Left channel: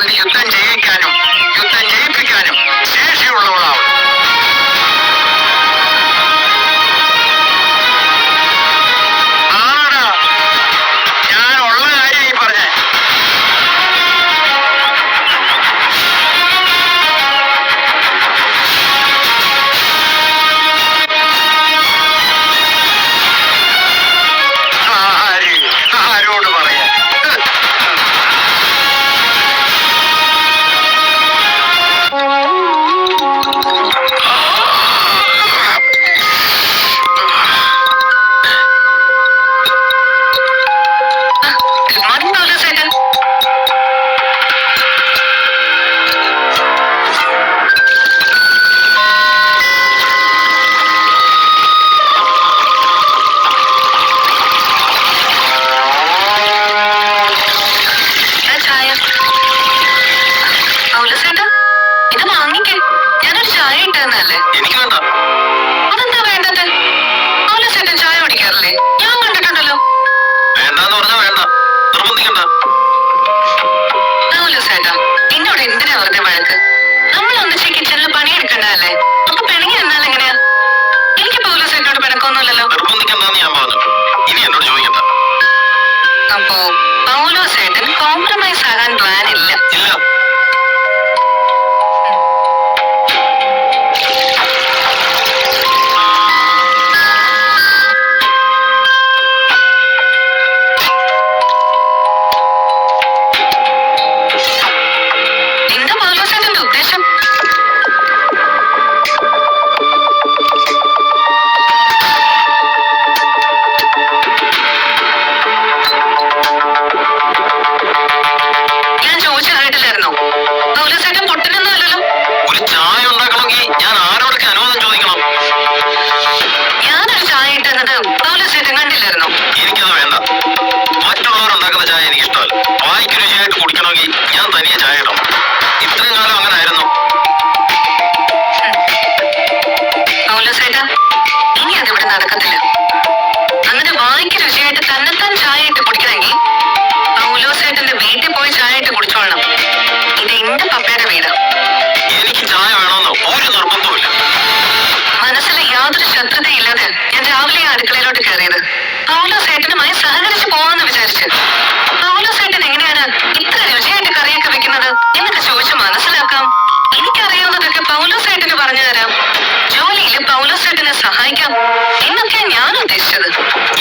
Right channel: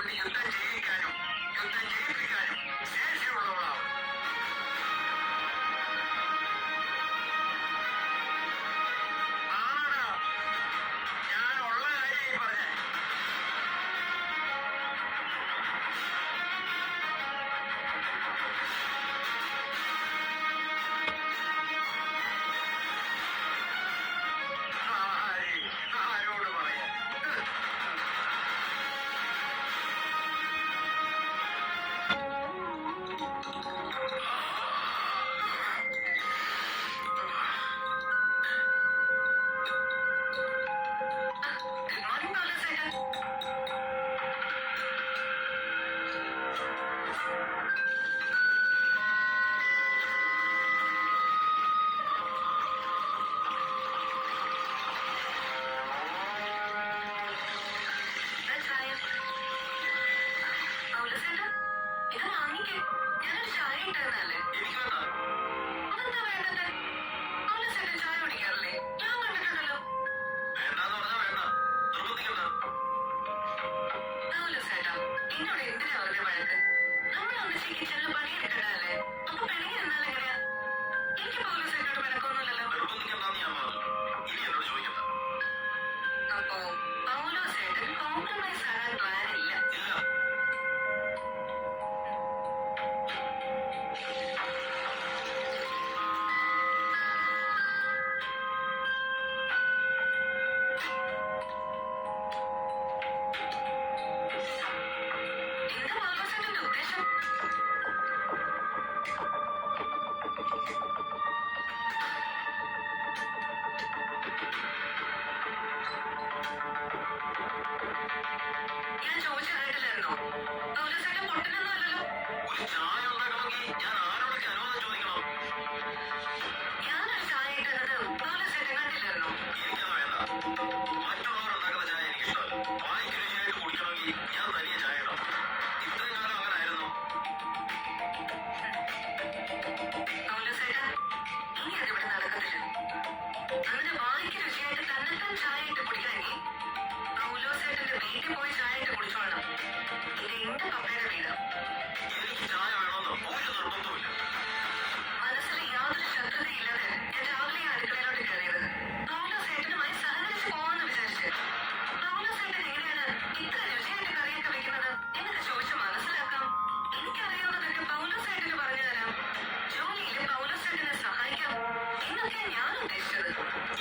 കൊണ്ട് യുദ്ധം ചെയ്യിക്കാനും യുദ്ധം ജയിപ്പിക്കാനും ശേഷിയുള്ളവളാവും. ആടാ, ഞാൻ ഉള്ള കാര്യം ഈ പറഞ്ഞേ. ആരോട് പറയാ? എനിക്ക് വേണ്ട. അതെന്താ വേണ്ടത്? ചേട്ടൻ ചായ കുടിക്കാറില്ലേ? ഞാൻ കണ്ടിട്ടുണ്ടല്ലോ. വേണ്ടെന്ന് പറഞ്ഞാ വേണ്ട, നിർബന്ധിക്കണ്ട. ചേട്ടാ, എന്നോട് എന്തിനാ വെറുതെ വഴക്ക്? നമ്മൾ ഒന്നിച്ച് കിച്ചണിൽ പണിയെടുക്കണ്ടല്ലേ? അപ്പൊ പിണങ്ങി എന്നാൽ എങ്ങനെയാ? എനിക്ക് ചേട്ടനോട് പിണക്കൊന്നുമില്ലല്ലോ. നിർബന്ധിക്കണ്ടെന്ന് ഞാൻ പറഞ്ഞു. ഇനി എന്നോട് ചോദിക്കണ്ട. അപ്പോ ചേട്ടൻ കോംപ്രമൈസ് ആകാൻ പ്ലാൻ ഇല്ല? ഇല്ല. ഞാൻ തനിയെ ചായ ഇടും. ഇത്രയും കാലം അങ്ങനെ ആയിരുന്നു. ഇനി അതിവിടെ നടക്കത്തില്ല. അങ്ങനെ വായിക്ക് രുചിയായിട്ട് തന്നെത്താൻ ചായ ഇട്ട് കുടിക്കണമെങ്കിൽ പൗലോസേട്ടന്റെ വീട്ടിൽ പോയി ചായ ഇട്ട് കുടിച്ചോളണം. ഇത് എന്റെ പപ്പയുടെ വീട്. എനിക്ക് ചായ വേണമെന്ന് ഒരു നിർബന്ധവുമില്ല. മനസ്സിൽ യാതൊരു ശത്രുതയില്ലാതെ ഞാൻ രാവിലെ അടുക്കളയിലോട്ട് കയറിയത് പൗലോസേട്ടനുമായി സഹകരിച്ച് പോവാന്ന് വിചാരിച്ച്. പൗലോസേട്ടൻ എങ്ങനെയാണ് ഇത്ര രുചിയായിട്ട് കറിയൊക്കെ വെക്കുന്നത് എന്നൊക്കെ ചോദിച്ച് മനസ്സിലാക്കാം. എനിക്കറിയാവുന്നതൊക്കെ പൗലോസേട്ടന് പറഞ്ഞു തരാം. ജോലിയിൽ പൗലോസേട്ടനെ സഹായിക്കാം എന്നൊക്കെ ഞാൻ ഉദ്ദേശിച്ചത്.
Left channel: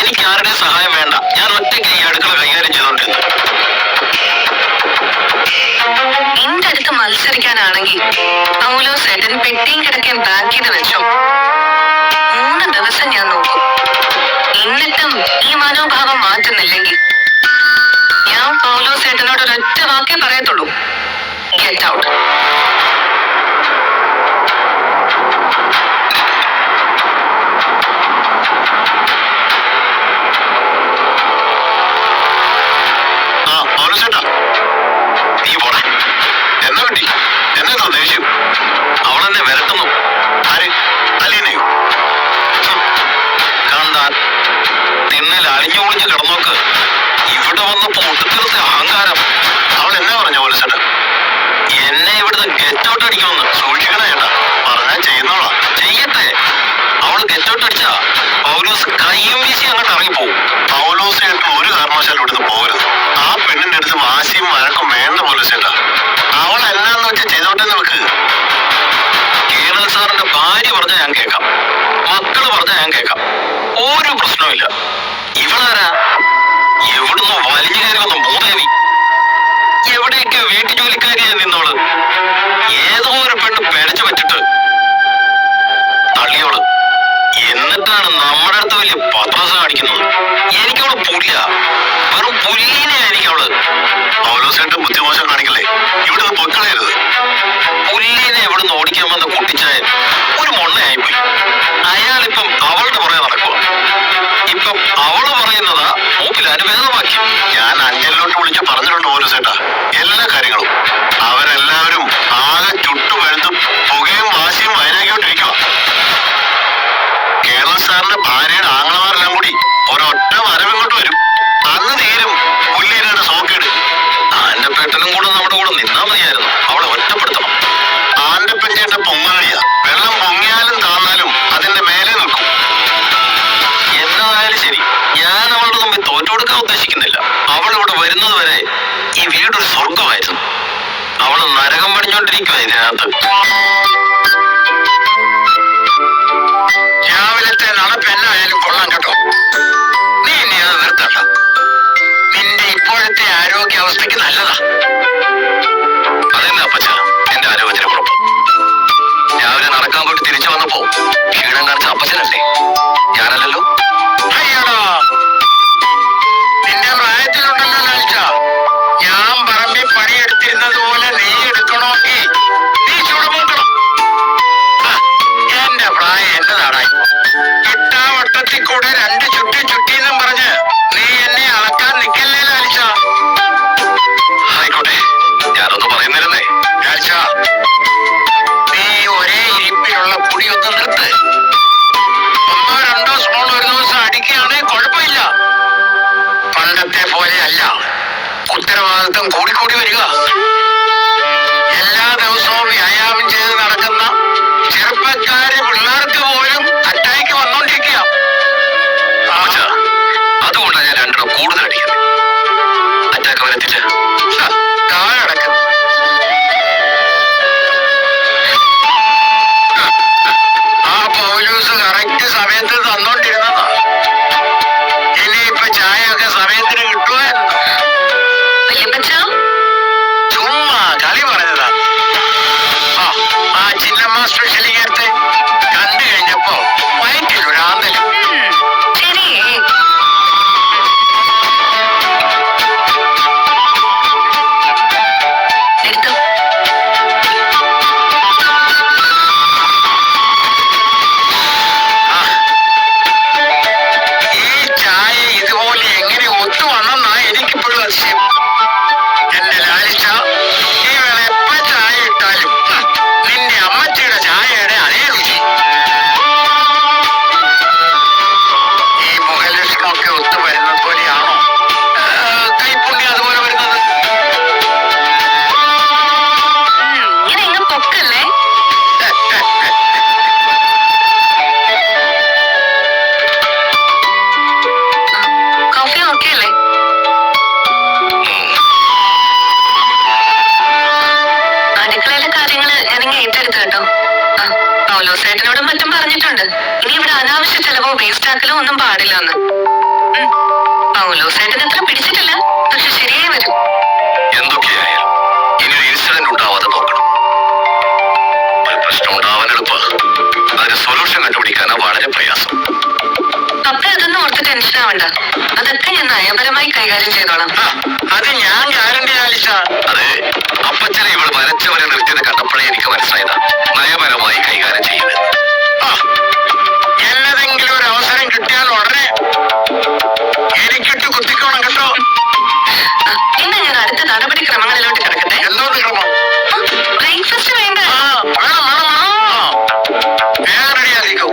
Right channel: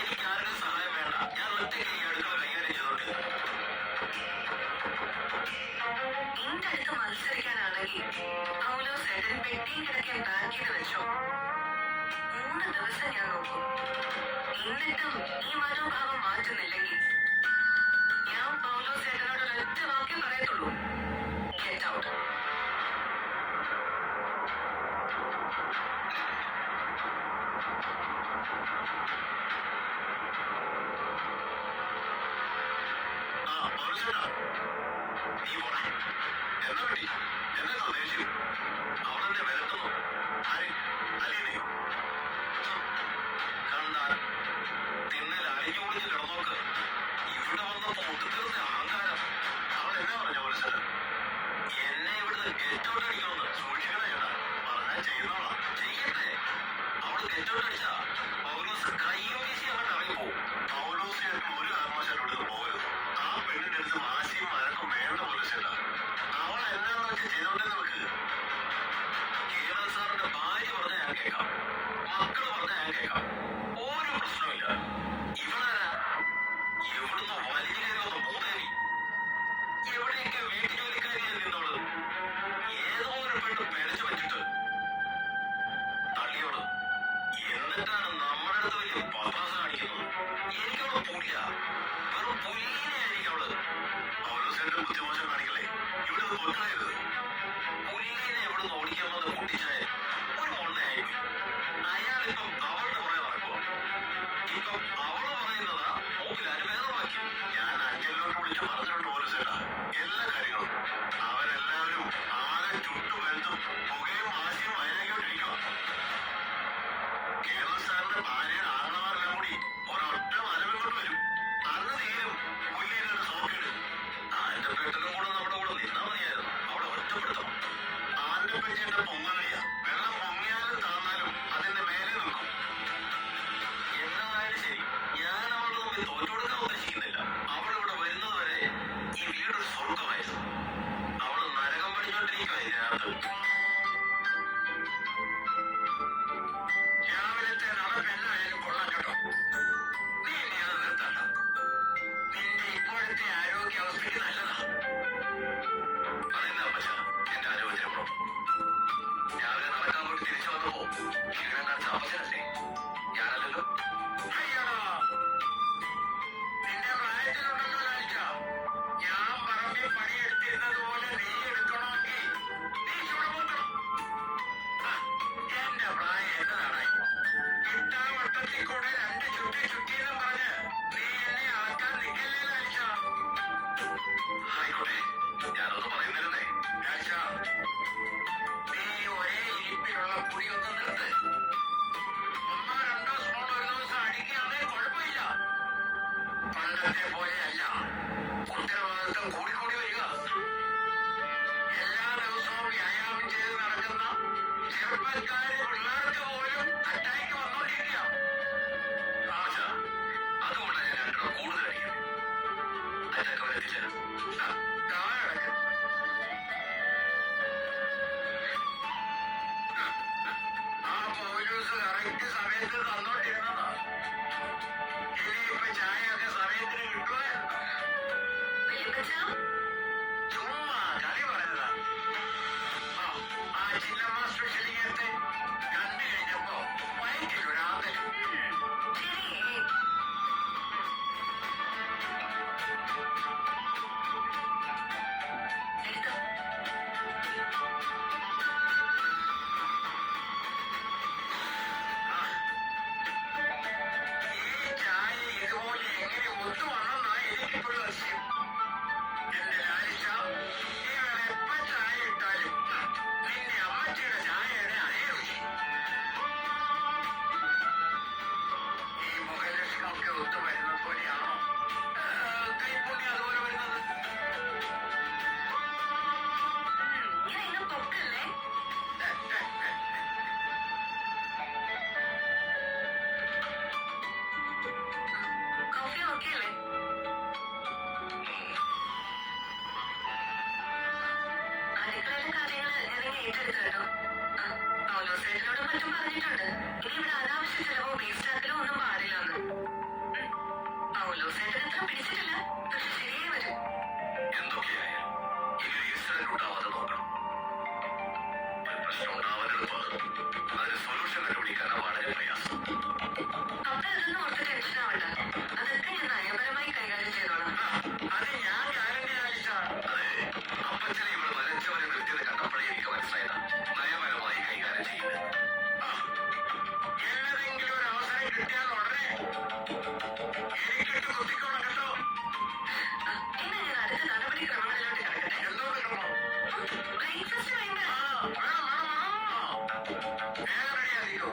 എനിക്ക് ആരുടെ സഹായം വേണ്ട. ഞാൻ ഒറ്റയ്ക്ക് ഈ അടുക്കള കൈകാര്യം ചെയ്തോണ്ടിരുന്നു. എന്റെ അടുത്ത് മത്സരിക്കാനാണെങ്കിൽ പൗലോസേട്ടൻ പെട്ടിയും കിടക്കാൻ പാക്ക് ചെയ്ത് വെച്ചോ. 3 ദിവസം ഞാൻ നോക്കും. എന്നിട്ടും ഈ മനോഭാവം മാറ്റുന്നില്ലെങ്കിൽ ഞാൻ പൗലോസേട്ടനോട് ഒരൊറ്റ വാക്കേ പറയത്തുള്ളൂ: ഗെറ്റ് ഔട്ട്. നീ പോടാ. എന്നാ വേണ്ടി എന്നെ ദേഷ്യം? അവളെന്നെ വരട്ടുന്നു. ആര്? അലീനയോ? കണ്ടാൽ തിണ്ണൽ അലിഞ്ഞൊളിഞ്ഞ് കിടന്നോക്ക്. ഇവിടെ വന്നപ്പോ ഒടുക്കത്തെ അഹങ്കാരം. അവൾ എന്നാ പറഞ്ഞ പോലെ ചേട്ടാ? എന്നെ ഇവിടുന്ന് ഗെറ്റ് ഔട്ട് അടിക്കുമെന്ന്. സൂക്ഷിക്കണ ചേട്ടാ. പറഞ്ഞാൽ ചെയ്യുന്നോളാ. ചെയ്യട്ടെ. അവൾ ഗെറ്റ് ഔട്ട് അടിച്ചാ പൗലോസ് കയ്യും വീശി അങ്ങോട്ട് ഇറങ്ങിപ്പോവും. പൗലോസ് ചേട്ടൻ ഒരു കാരണവശാലും ഇവിടുന്ന് പോകരുത്. ആ പെണ്ണിന്റെ അടുത്ത് വാശിയും വഴക്കും വേണ്ട പോലെ ചേട്ടാ. അവൾ എന്നാന്ന് വെച്ചാൽ ചെയ്തോട്ടെ നമുക്ക്. കേണൽ സാറിന്റെ ഭാര്യ പറഞ്ഞാൽ ഞാൻ കേൾക്കാം, മക്കള് പറഞ്ഞാൽ ഞാൻ കേൾക്കാം. ഒരു പ്രശ്നവുമില്ല. ഇവളാരാ? എവിടുന്ന് വലിഞ്ഞു കയറി വന്ന മൂദേവി. എവിടെയൊക്കെ വീട്ടു ജോലിക്കാരിയായി നിന്നോള്. ഏതോ ഒരു പെണ്ണ് പിഴച്ചു വെച്ചിട്ട് തള്ളിയോള്. എന്നിട്ടാണ് നമ്മുടെ അടുത്ത് വലിയ പത്രാസ കാണിക്കുന്നത്. എനിക്കവള് പുല്ല, വെറും പുല്ലീനെയായിരിക്കും അവള്. പൗലോസേട്ടൻ ബുദ്ധിമോശം കാണിക്കല്ലേ? ഇവിടുന്ന് പൊക്കളയരുത്. പുല്ലീനെ എവിടുന്ന് ഓടിക്കാൻ വന്ന കുട്ടിച്ചായൻ ഒരു മൊണ്ണയായിപ്പോയി. അയാളിപ്പം അവളുടെ പുറകെ നടക്കുക. ഇപ്പം അവള് പറയുന്നതാ മൂപ്പിൽ അനുവേദമാക്കി. ഞാൻ അഞ്ചലിലോട്ട് വിളിച്ച് പറഞ്ഞിട്ടുണ്ട് പൗലോസേട്ടാ എല്ലാ കാര്യങ്ങളും. അവരെല്ലാവരും ആകെ ചുട്ടുപഴുത്തും പുകയും വാശിയും വൈരാഗ്യോട്ടിരിക്കുക. കേരള സാറിന്റെ ഭാര്യയുടെ ആങ്ങളമാരെല്ലാം കൂടി ഒരൊറ്റ വരവിങ്ങോട്ട് വരും. അന്ന് തീരും പുല്ലീനയുടെ സോക്കേട്. ആന്റെ പെട്ടനും കൂടെ നമ്മുടെ കൂടെ നിന്നാ നരകം പണിഞ്ഞോണ്ടിരിക്കുക ഇതിനകത്ത്. രാവിലത്തെ നടപ്പെന്നായാലും കൊള്ളാം കേട്ടോ. നീ എന്നെ അത് നിർത്തണ്ട. നിന്റെ ഇപ്പോഴത്തെ ആരോഗ്യാവസ്ഥയ്ക്ക് നല്ലതാ. അതെന്നാ അപ്പച്ച എന്റെ ആരോഗ്യത്തിന് കുഴപ്പം? രാവിലെ നടക്കാൻ പോയിട്ട് തിരിച്ചു വന്നപ്പോ ക്ഷീണം കാണിച്ച അപ്പച്ചനല്ലേ, ഞാനല്ലല്ലോ. അയ്യടാ, നിന്റെ പ്രായത്തിലുണ്ടല്ലോ ലാലിച്ച. ഞാൻ പറമ്പിൽ പണിയെടുത്തിരുന്നത് പോലെ നീ എടുക്കണമെങ്കിൽ നീ ചുടുമൂക്കണം. എന്റെ പ്രായം എന്നതാടാ. ഇട്ടാവട്ടത്തിൽ കൂടെ 2 ചുറ്റി ചുറ്റിന്നും പറഞ്ഞ് നീ എന്നെ അളക്കാൻ നിൽക്കല്ലേ ലാലിച്ച. ആയിക്കോട്ടെ, ഞാനൊന്ന് പറയുന്നിരുന്നേ ലാലിച്ച. നീ ഒരേ ഇരിപ്പിലുള്ള പൊടിയൊന്ന് നിർത്ത്. 1 2 സ്പൂൺ ഒരു ദിവസം അടിക്കുകയാണെങ്കിൽ കുഴപ്പമില്ല. പണ്ടത്തെ പോലെ അല്ല, ഉത്തരവാദിത്വം കൂടിക്കൂടി വരിക. എല്ലാ ദിവസവും വ്യായാമം ചെയ്ത് നടക്കുന്ന ചെറുപ്പക്കാര് പിള്ളേർക്ക് പോലും അറ്റാക്ക് വന്നോണ്ടിരിക്കുക. അതുകൊണ്ടാണ് ഞാൻ 2 കൂടുതൽ അടിക്കുന്നത്. അറ്റാക്ക് വരത്തില്ല. താഴെ കിടക്കും. ആ പൗലൂസ് കറക്റ്റ് സമയത്ത് തന്നോണ്ടിരുന്നതാ. ഇനിയിപ്പൊ ചായയൊക്കെ സമയത്തിന് കിട്ടുമായിരുന്നു. ചുമ്മാ കളി പറഞ്ഞതാ. ആ ചിന്നമ്മ സ്പെഷ്യൽ ഇങ്ങനത്തെ കണ്ടു കഴിഞ്ഞപ്പോ വയറ്റിലൊരാന്തല്. ഈ ചായ ഇതുപോലെ എങ്ങനെ ഒത്തു വന്നെന്നാ എനിക്കിപ്പോഴും അതിശയം. എന്റെ ലാലിച്ച, നീ വേണം എപ്പ ചായ ഇട്ടാലും നിന്റെ അമ്മച്ചിയുടെ ചായയുടെ അതേ രുചി. ഈ മുഖലക്ഷണമൊക്കെ ഒത്തു വരുന്നത് പോലെയാണോ കൈപ്പുണ്യം അതുപോലെ വരുന്നത്? അടുക്കളയിലെ കാര്യങ്ങള് ഞാനിങ്ങനെ ഏറ്റെടുത്തു കേട്ടോ. പൗലോസേട്ടനോടും മറ്റും പറഞ്ഞിട്ടുണ്ട്. ഇനി ഇവിടെ അനാവശ്യ ചെലവോ വേസ്റ്റ് ആക്കലോ ഒന്നും പാടില്ല എന്ന്. പൗലോസേട്ടൻ അത്ര പിടിച്ചിട്ടില്ല, പക്ഷെ ശരിയായി വരും. എന്തൊക്കെയായാലും ഇനി ഒരു ഇൻസിഡന്റ് ഉണ്ടാവാതെ നോക്കണം. ഒരു പ്രശ്നം ഉണ്ടാവാൻ എളുപ്പ, അതിന് സൊല്യൂഷൻ കണ്ടുപിടിക്കാനാ വളരെ പ്രയാസം. പപ്പ അതൊന്നും ഓർത്ത് ടെൻഷൻ ആവണ്ട. അതൊക്കെ ഞാൻ നയപരമായി കൈകാര്യം ചെയ്തോളാം. അത് ഞാൻ ഗ്യാരണ്ടി ലാലിച്ച. അതെ, അപ്പച്ചനെ ഇവൾ വരച്ചവരെ നിർത്തിയത് കണ്ടപ്പോഴേ എനിക്ക് മനസ്സിലായതാ നയപരമായി കൈകാര്യം ചെയ്യുന്നത്. എന്നതെങ്കിലും ഒരു അവസരം കിട്ടിയാൽ ഉടനെ എനിക്കിട്ട് കുത്തിക്കോണം കേട്ടോ. ഇന്ന് ഞാൻ അടുത്ത നടപടിക്രമങ്ങളിലോട്ട് കിടക്കട്ടെ. എന്തോന്ന് ക്രമം? ബ്രേക്ക്ഫാസ്റ്റ് വേണ്ട? വേണം വേണം വേണം. വേഗം റെഡിയാക്കിക്കോ.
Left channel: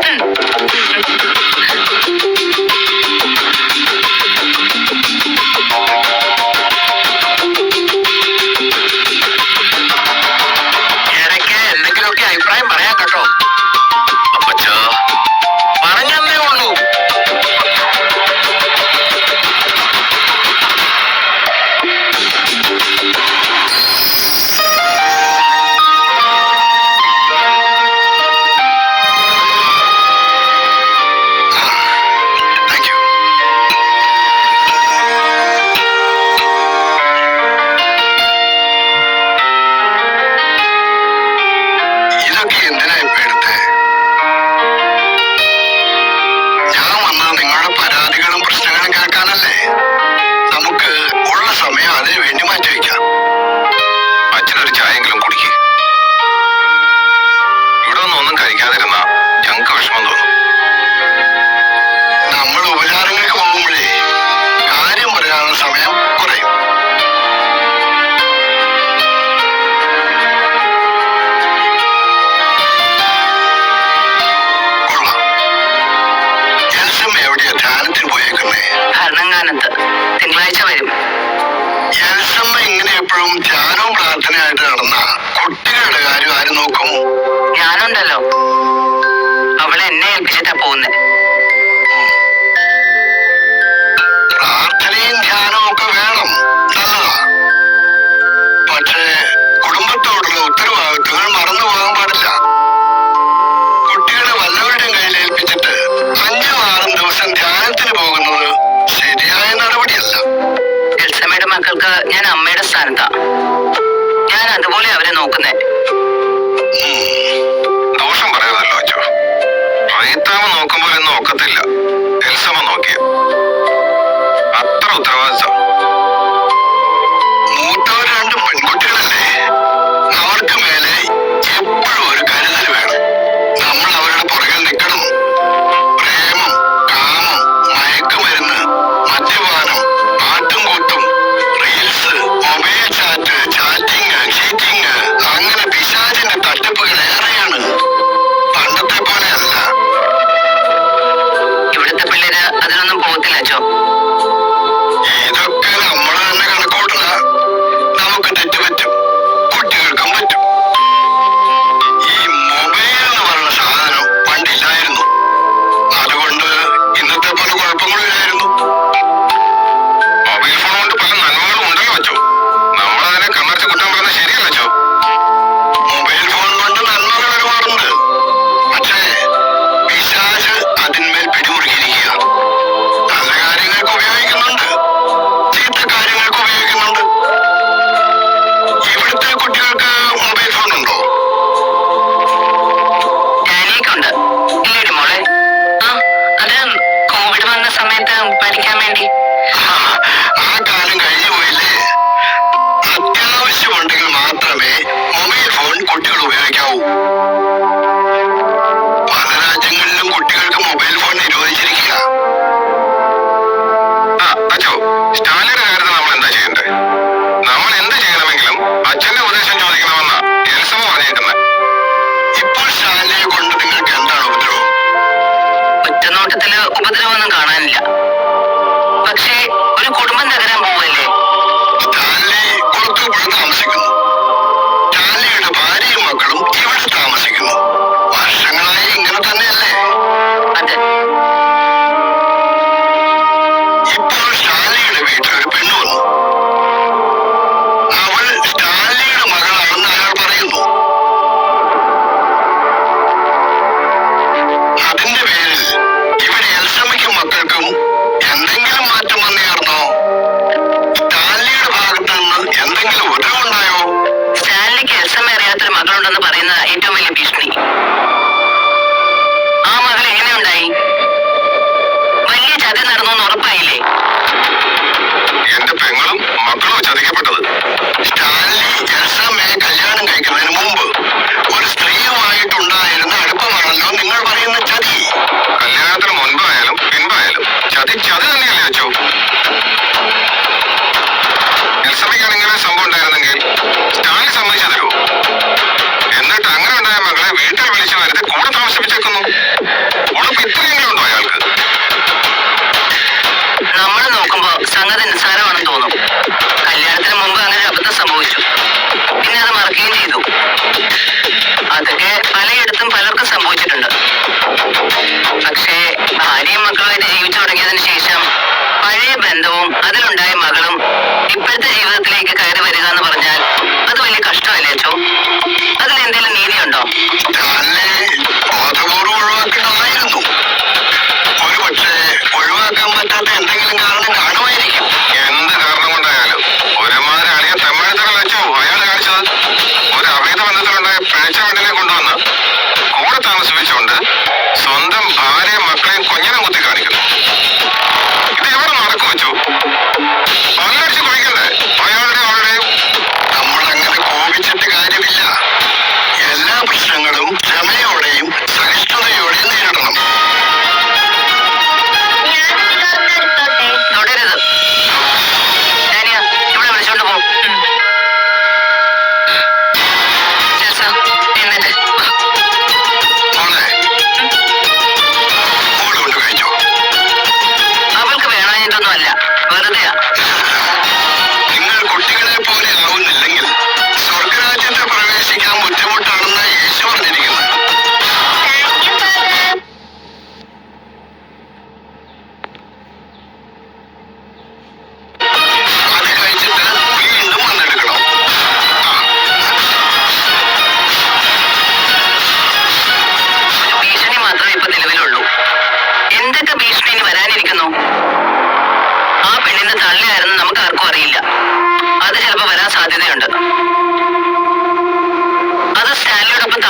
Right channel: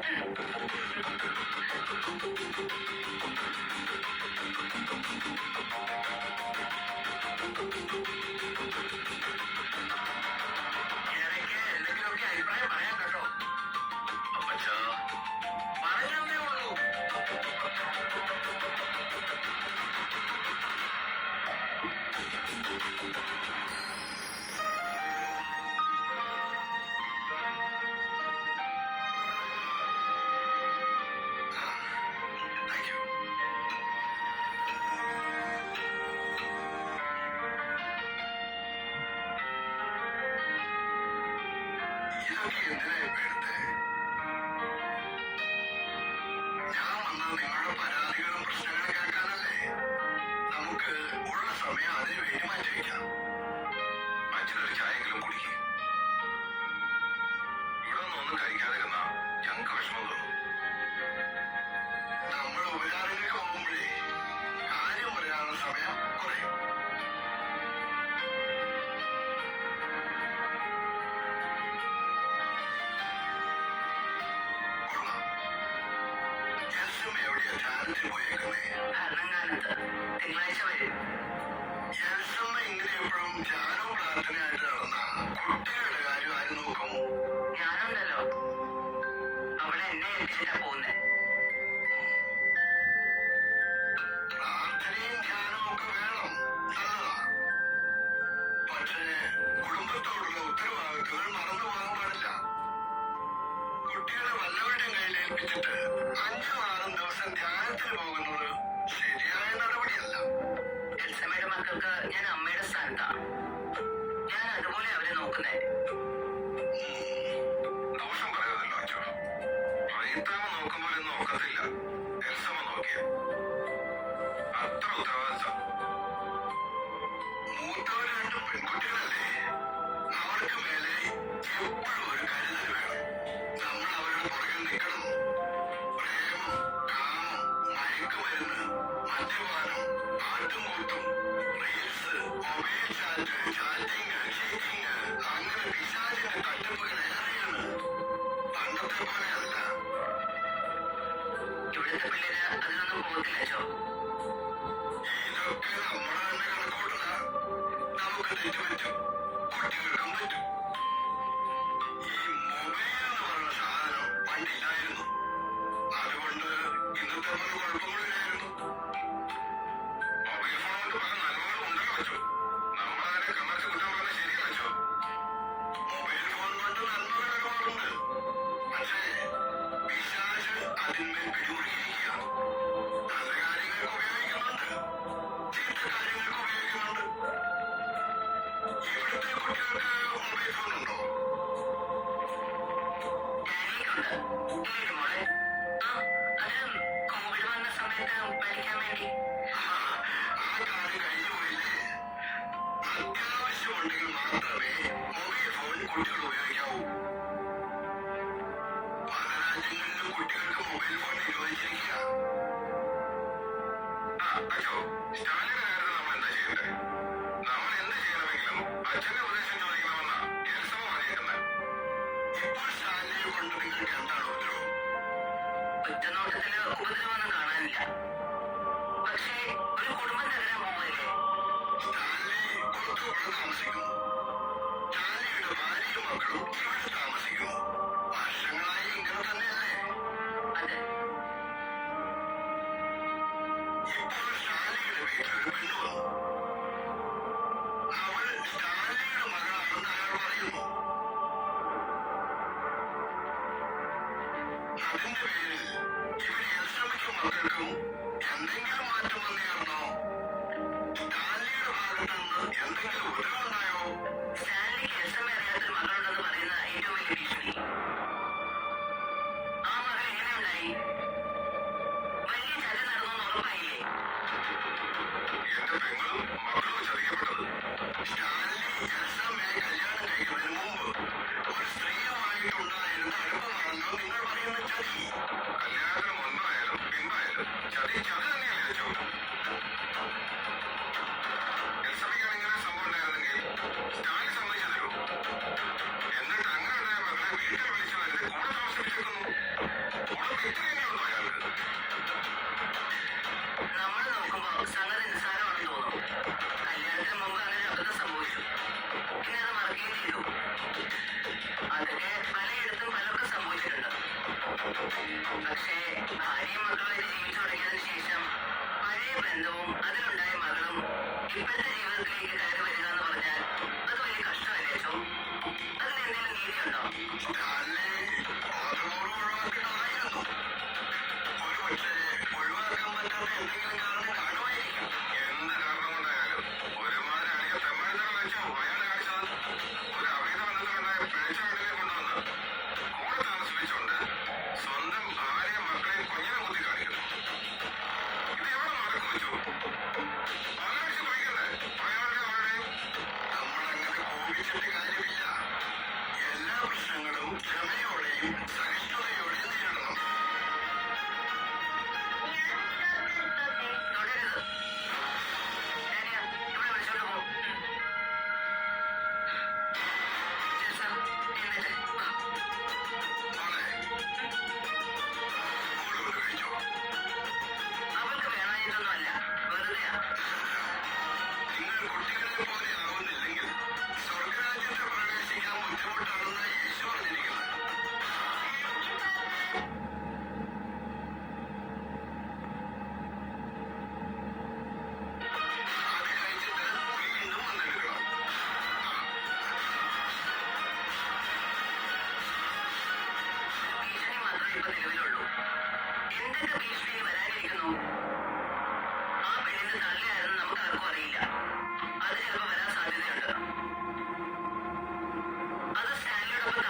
നോക്കുന്നേ. ദോഷം പറയുന്നല്ലോ അച്ഛോ. റീത്താമ നോക്കുമ്പോൾ ഒന്നും ഒക്കത്തില്ല. എൽസമ്മ നോക്കിയ അത്ര ഉത്തരവാദിത്വം. മൂത്തവർ രണ്ട് പെൺകുട്ടികളല്ലേ, അവർക്ക് മേലെ എപ്പോഴും ഒരു കരുതൽ വേണം. നമ്മൾ അവരുടെ പുറകിൽ നിൽക്കണം. പ്രേമം, കാമം, മയക്കുമരുന്ന്, മദ്യപാനം, ആട്ടും കൂട്ടും, reels, mobile chat, chatting, cheating, അങ്ങനെ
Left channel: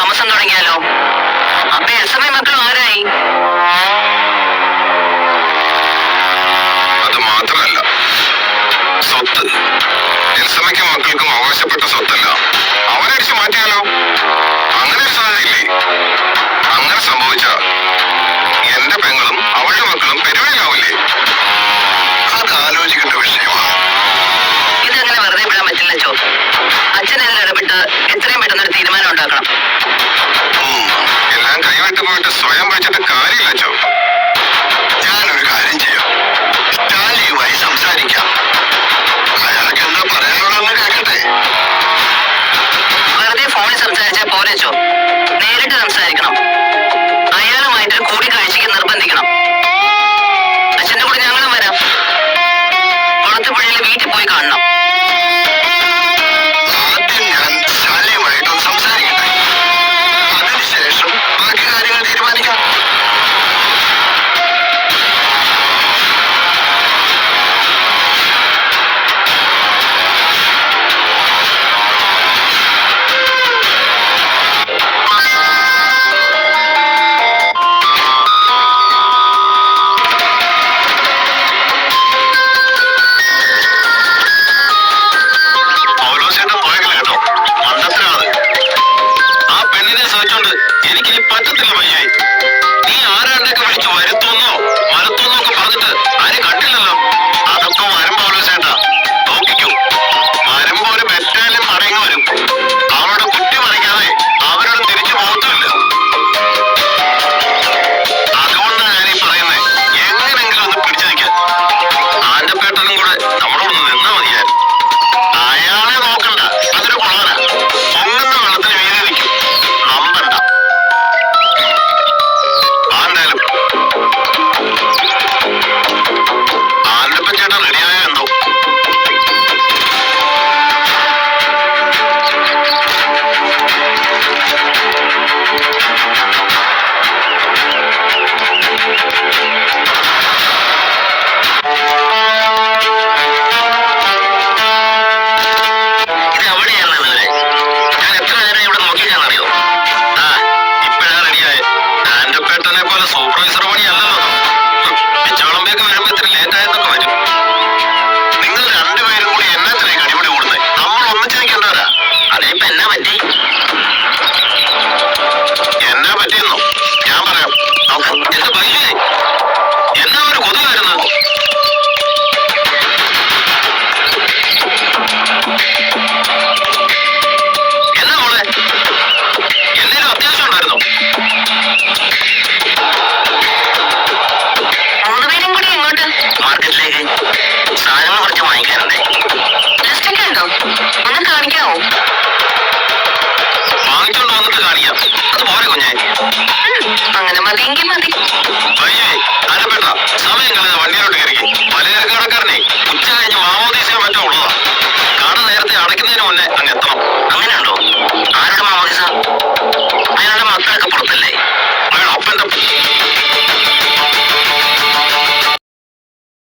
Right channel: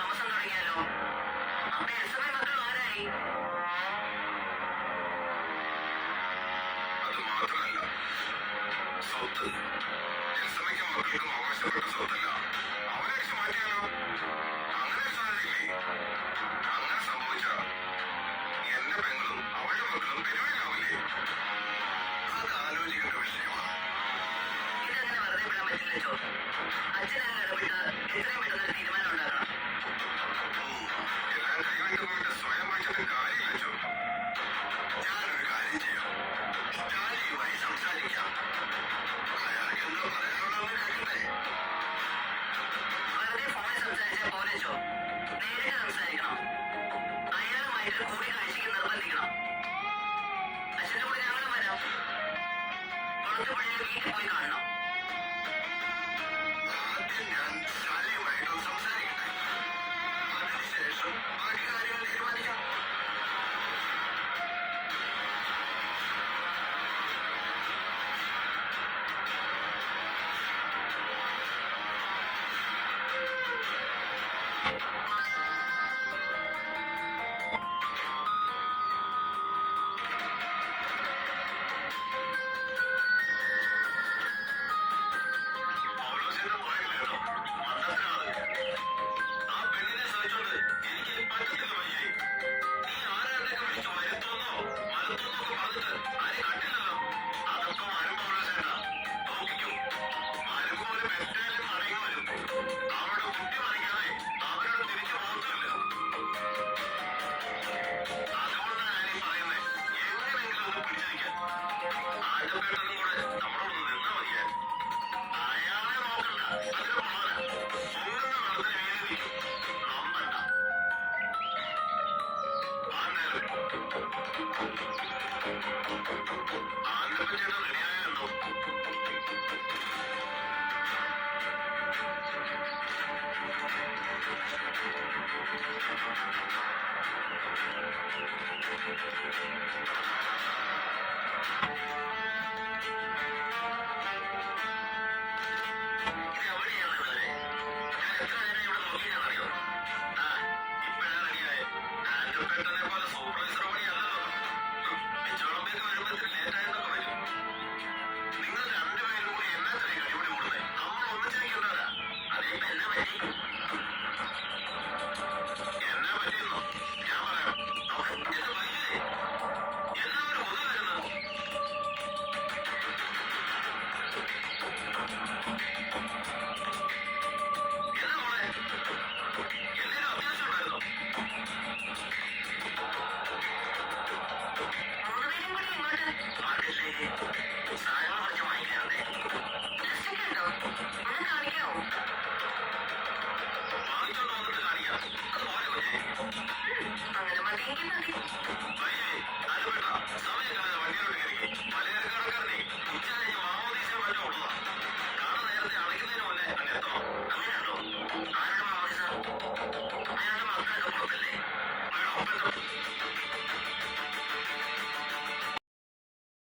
താമസം തുടങ്ങിയാലോ? അപ്പൊ എൽസമ്മ മക്കൾ ആരായി? അത് മാത്രമല്ല, സ്വത്ത് എൽസമ്മയ്ക്കും മക്കൾക്കും അവകാശപ്പെട്ട സ്വത്തല്ല. അവനടിച്ചു മാറ്റിയാലോ? അങ്ങനെ ഒരു സാധ്യതയില്ലേ? അങ്ങനെ സംഭവിച്ച എന്റെ പെങ്ങളും അവളുടെ മക്കളും പെരുവയിലാവില്ലേ? അത് ആലോചിക്കേണ്ട വിഷയമാണ്. ഇതങ്ങനെ വെറുതെ വിടാൻ പറ്റില്ല ചോ. അച്ഛനെല്ലാം ഇടപെട്ട് എത്രയും പെട്ടെന്ന് ഒരു തീരുമാനം ഉണ്ടാക്കണം. എല്ലാം കൈവിട്ട് പോയിട്ട് സ്വയം വെച്ചിട്ട് കാര്യമില്ല ചോ. ഞാനൊരു കാര്യം ചെയ്യാം, സ്റ്റാലിയുമായി സംസാരിക്കാം. അയാൾക്ക് എന്താ പറയാനുള്ളതെന്ന് കേൾക്കട്ടെ. വെറുതെ ഫോണിൽ സംസാരിച്ചാൽ പോരെ ചോ. നേരിട്ട് സംസാരിക്കണം. അയാളുമായിട്ടൊരു കൂടിക്കാഴ്ചയ്ക്ക് നിർബന്ധിക്കണം. അച്ഛന്റെ കൂടെ ഞങ്ങളും വരാം. കുളത്തുപുഴയിലെ വീട്ടിൽ പോയി കാണണം. ആദ്യം ഞാൻ സ്റ്റാലിയുമായിട്ടൊന്ന് സംസാരിക്കട്ടെ. അതിനുശേഷം ബാക്കി കാര്യങ്ങൾ തീരുമാനിക്കാം. പൗലോസേട്ടൻ പോയേക്കല കേട്ടോ, മണ്ടത്തിനാണ്. ആ പെണ്ണിനെ സഹിച്ചോണ്ട് എനിക്കിനി പറ്റത്തില്ല വയ്യായി. നീ ആരാണ്ടൊക്കെ വിളിച്ചു വരുത്തുന്നോ മലത്തുന്നോ ഒക്കെ പറഞ്ഞിട്ട് ആരും കണ്ടില്ലല്ലോ. അതൊക്കെ വരും പൗലോസേട്ടാ, നോക്കിക്കോ. വരുമ്പോ ഒരു ബെറ്റാലിയൻ മടങ്ങി വരും. അവരുടെ കുട്ടി മറിക്കാതെ അവരോട് തിരിച്ചു പോകത്തുമില്ല. അതുകൊണ്ടാണ് ഞാൻ ഈ പറയുന്നത്, എങ്ങനെങ്കിലും ഒന്ന് പിടിച്ചു നിൽക്കാൻ. ആന്റപ്പേട്ടനും കൂടെ നമ്മളോടൊന്ന് നിന്നാ മതിയായിരുന്നു. അയാളെ നോക്കണ്ട, അതൊരു കൊള്ളാനാ. പൊങ്ങുന്ന വെള്ളത്തിന് വീതി നിൽക്കും, നമ്പണ്ട. എന്തായാലും ആന്റപ്പൻ ചേട്ടൻ റെഡിയായോ എന്തോ. ഇത് എവിടെയാണ് ഇതുവരെ? ഞാൻ എത്ര നേരം ഇവിടെ നോക്കിയാണെന്നറിയോ? ആ, ഇപ്പഴാ റെഡിയായ. ആന്റപ്പേട്ടനെ പോലെ സൂപ്പർവൈസർ പണിയല്ലല്ലോ. പിച്ചവളമ്പേക്ക് വരുമ്പോ ഇത്ര ലേറ്റ് ആയെന്നൊക്കെ വരും. നിങ്ങൾ രണ്ടുപേരും കൂടി എന്നാത്തിലേക്ക് അടിപൊളി കൂടുന്നത്? നമ്മൾ ഒന്നിച്ച് നിൽക്കേണ്ടവരാ. അതിനിപ്പോ എന്നാ പറ്റി? എന്നാ പറ്റിയെന്നോ ഞാൻ പറയാം. നോക്ക്, എന്ത് ഭംഗിയേ, എന്നാ ഒരു കൊതു വരുന്നത്. എന്നാ മോളെ, എന്തെങ്കിലും അത്യാവശ്യം ഉണ്ടായിരുന്നോ? മൂന്നുപേരും കൂടി എങ്ങോട്ട്? മാർക്കറ്റിലേക്ക് സാധനങ്ങൾ കുറച്ച് വാങ്ങിക്കാനുണ്ടേ. ലിസ്റ്റൊക്കെ ഉണ്ടോ? ഒന്ന് കാണിക്കാവോ? വാങ്ങിച്ചോണ്ട് വന്നിട്ട് കാണിക്കാം. അത് പോരെ കുഞ്ഞേ. അങ്ങനെ മതിയെങ്കിൽ മതി. അയ്യേ, ആരപ്പേട്ട സമയം